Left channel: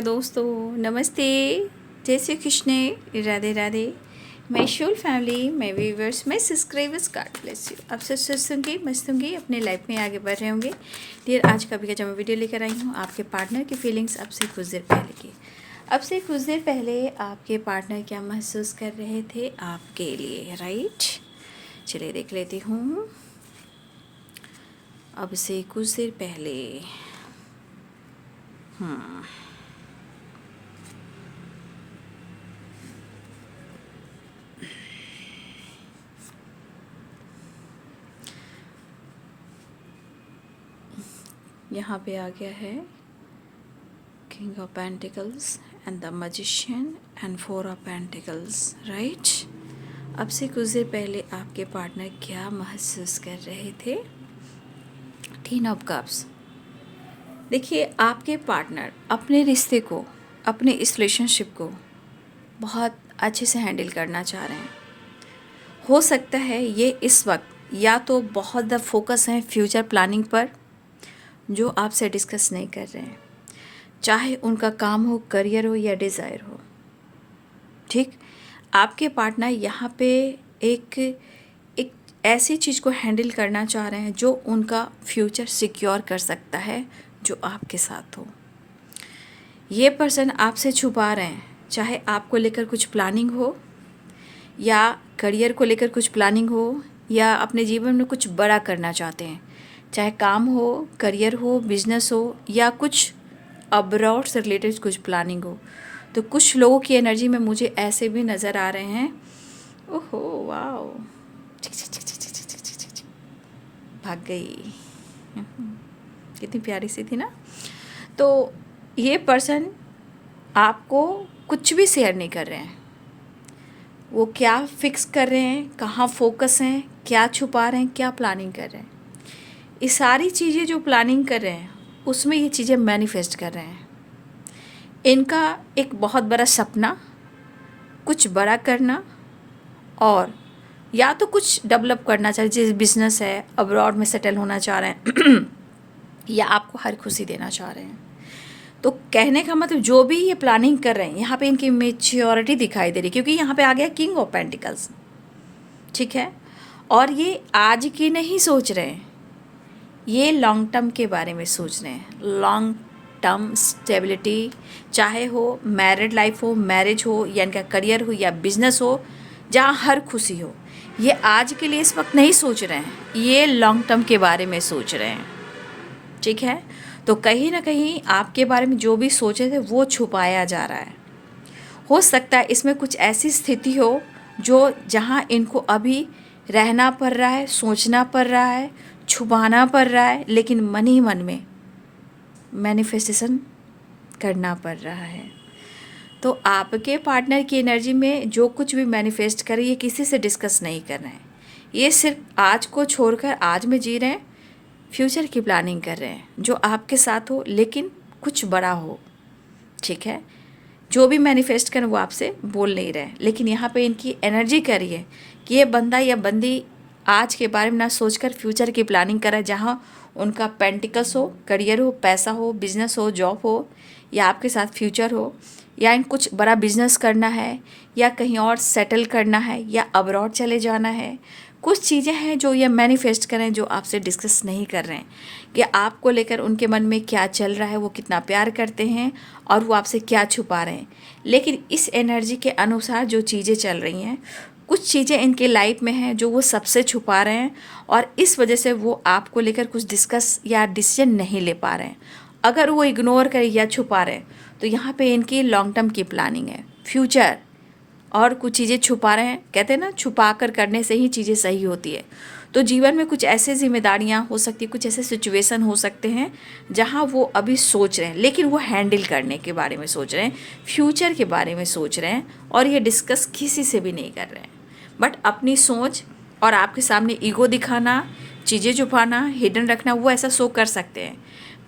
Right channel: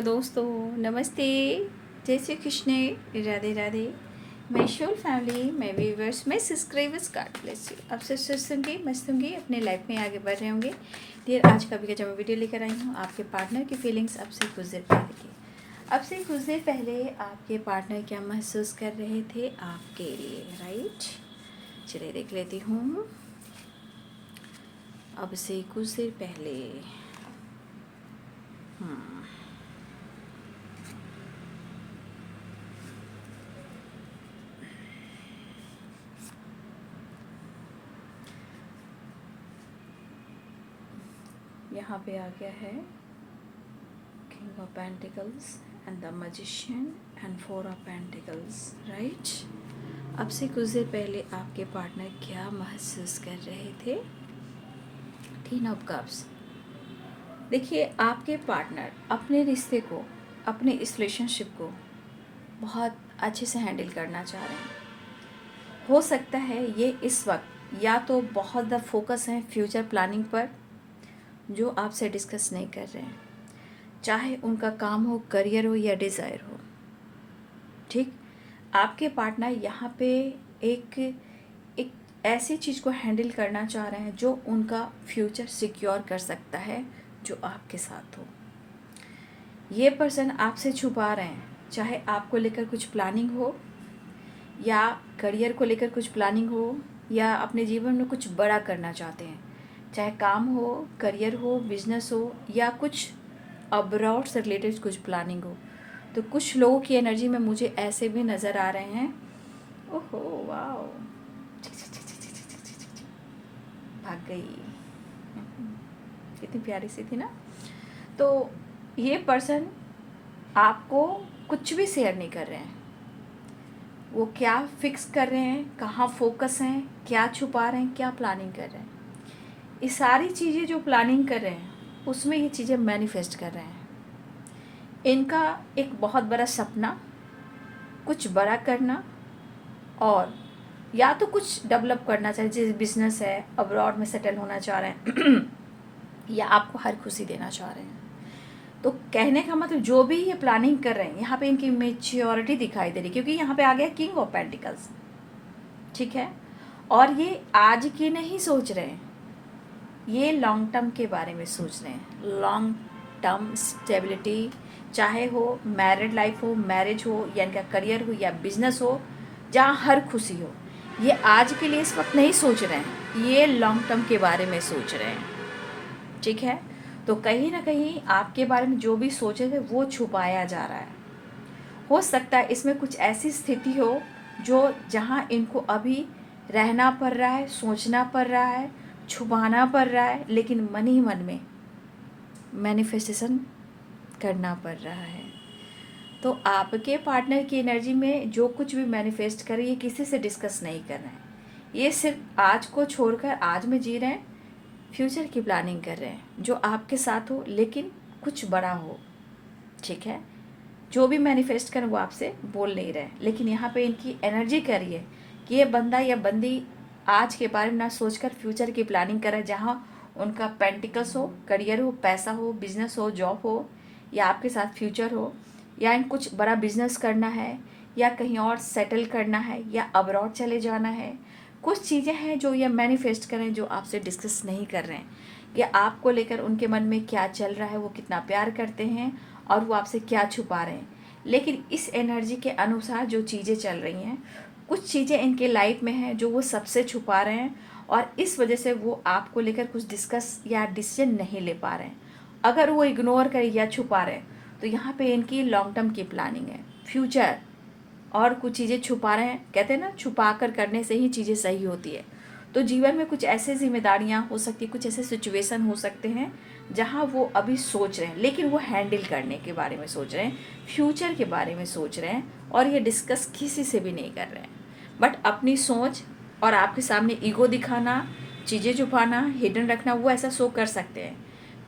Hello दोस्तों, नमस्ते, जय Shri Krishna, Radhe Radhe. My whole family, my viewers, my subscribers, God bless you. आप सब स्वस्थ होंगे, मस्त होंगे, अपने लाइफ में आगे बढ़ रहे होंगे। डियर, आज का भी जो मैं वीडियो लेकर आई हूँ आपके पार्टनर की फीलिंग्स अब से कुछ देर पहले की। अब से कुछ देर पहले आपके पार्टनर क्या महसूस कर रहे थे आपके लिए, राइट? चलिए देख लेती हूँ। अब से कुछ देर पहले यहाँ पे आ गया है king of pentacles and the magician and four of pentacles, right? अब से कुछ देर पहले आपके पार्टनर क्या महसूस कर रहे थे? Tin of cups. देखिए, आपके पार्टनर अपने रिश्ते को, अपने इस रिलेशनशिप को बहुत अच्छे से हैंडल करना चाह रहे हैं। हो सकता है ये इस वक्त या तो बहुत ज़्यादा फोकस है फ्यूचर प्लानिंग पर, जो आपसे डिस्कस नहीं कर रहे हैं, चाहे उनका काम हो, करियर हो या डिज़ायर हो। ठीक, आपके पार्टनर यहाँ पे एक एक ऐसी चीज़ को हैंडल करना चाह रहे हैं जो उनका फ्यूचर सिक्योर कर सकता है, जो आपके साथ हो। ये पर्सन आपसे छुपा रहे हैं, चाहे आपको लेकर कुछ प्लानिंग हो या करियर को लेकर कुछ प्लानिंग हो या अपने जीवन में कुछ बड़ा करना चाहते हैं, चाहे काम हो, करियर हो, बिजनेस हो या कुछ अब्रॉड से रिलेटेड कुछ प्लानिंग हो। तो कुछ लोगों की एनर्जी में मुझे ऐसे भी नज़र आ रहे हैं। ओहो वाओ, भाग गई, कितनी प्यारी सी थी ना। तो ये पर्सन आपको कुछ भी शेयर नहीं कर रहे हैं। वो क्या फिक्स कर रहे हैं, कहाँ फोकस हैं, क्या छुपा रहे हैं, क्या प्लानिंग कर रहे हैं, ये सारी चीज़ें जो प्लानिंग कर रहे हैं उसमें ये चीज़ें मैनिफेस्ट कर रहे हैं। इनका एक बहुत बड़ा सपना, कुछ बड़ा करना, और या तो कुछ डेवलप करना चाह रहे हैं, जैसे बिजनेस है, अब्रॉड में सेटल होना चाह रहे हैं या आपको हर खुशी देना चाह रहे हैं। तो कहने का मतलब जो भी ये प्लानिंग कर रहे हैं, यहाँ पे इनकी मेच्योरिटी दिखाई दे रही है, क्योंकि यहाँ पे आ गया किंग ऑफ पेंटिकल्स। ठीक है, और ये आज की नहीं सोच रहे हैं, ये लॉन्ग टर्म के बारे में सोच रहे हैं। लॉन्ग टर्म स्टेबिलिटी, चाहे हो मैरिड लाइफ हो, मैरिज हो या इनका करियर हो या बिजनेस हो, जहाँ हर खुशी हो। ये आज के लिए इस वक्त नहीं सोच रहे हैं, ये लॉन्ग टर्म के बारे में सोच रहे हैं। ठीक है, तो कहीं ना कहीं आपके बारे में जो भी सोचे थे वो छुपाया जा रहा है। हो सकता है इसमें कुछ ऐसी स्थिति हो जो जहाँ इनको अभी रहना पड़ रहा है, सोचना पड़ रहा है, छुपाना पड़ रहा है, लेकिन मन ही मन में मैनिफेस्टेशन करना पड़ रहा है। तो आपके पार्टनर की एनर्जी में जो कुछ भी मैनिफेस्ट करे, ये किसी से डिस्कस नहीं कर रहे हैं। ये सिर्फ आज को छोड़कर आज में जी रहे हैं, फ्यूचर की प्लानिंग कर रहे हैं जो आपके साथ हो, लेकिन कुछ बड़ा हो। ठीक है, जो भी मैनिफेस्ट करें वो आपसे बोल नहीं रहे, लेकिन यहाँ पे इनकी एनर्जी कह रही है कि ये बंदा या बंदी आज के बारे में ना सोचकर फ्यूचर की प्लानिंग करे, जहाँ उनका पेंटिकल्स हो, करियर हो, पैसा हो, बिजनेस हो, जॉब हो या आपके साथ फ्यूचर हो, या इन कुछ बड़ा बिजनेस करना है या कहीं और सेटल करना है या अब्रॉड चले जाना है। कुछ चीज़ें हैं जो ये मैनिफेस्ट करें, जो आपसे डिस्कस नहीं कर रहे हैं कि आपको लेकर उनके मन में क्या चल रहा है, वो कितना प्यार करते हैं और वो आपसे क्या छुपा रहे हैं। लेकिन इस एनर्जी के अनुसार जो चीज़ें चल रही हैं, कुछ चीज़ें इनके लाइफ में हैं जो वो सबसे छुपा रहे हैं, और इस वजह से वो आपको लेकर कुछ डिस्कस या डिसीजन नहीं ले पा रहे हैं। अगर वो इग्नोर करें या छुपा रहे हैं, तो यहाँ पे इनकी लॉन्ग टर्म की प्लानिंग है, फ्यूचर, और कुछ चीज़ें छुपा रहे हैं। कहते हैं ना, छुपा कर करने से ही चीज़ें सही होती है। तो जीवन में कुछ ऐसे जिम्मेदारियां हो सकती, कुछ ऐसे सिचुएशन हो सकते हैं जहां वो अभी सोच रहे हैं, लेकिन वो हैंडल करने के बारे में सोच रहे हैं, फ्यूचर के बारे में सोच रहे हैं, और ये डिस्कस किसी से भी नहीं कर रहे हैं। बट अपनी सोच और आपके सामने ईगो दिखाना, चीज़ें छुपाना, हिडन रखना, वो ऐसा शो कर सकते हैं।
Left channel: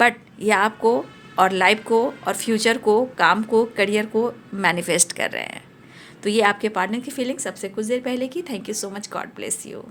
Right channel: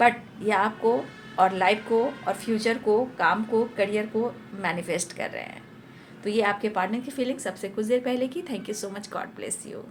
बट ये आपको और लाइफ को और फ्यूचर को, काम को, करियर को मैनिफेस्ट कर रहे हैं। तो ये आपके पार्टनर की फीलिंग सबसे कुछ देर पहले की। Thank you so much, God bless you.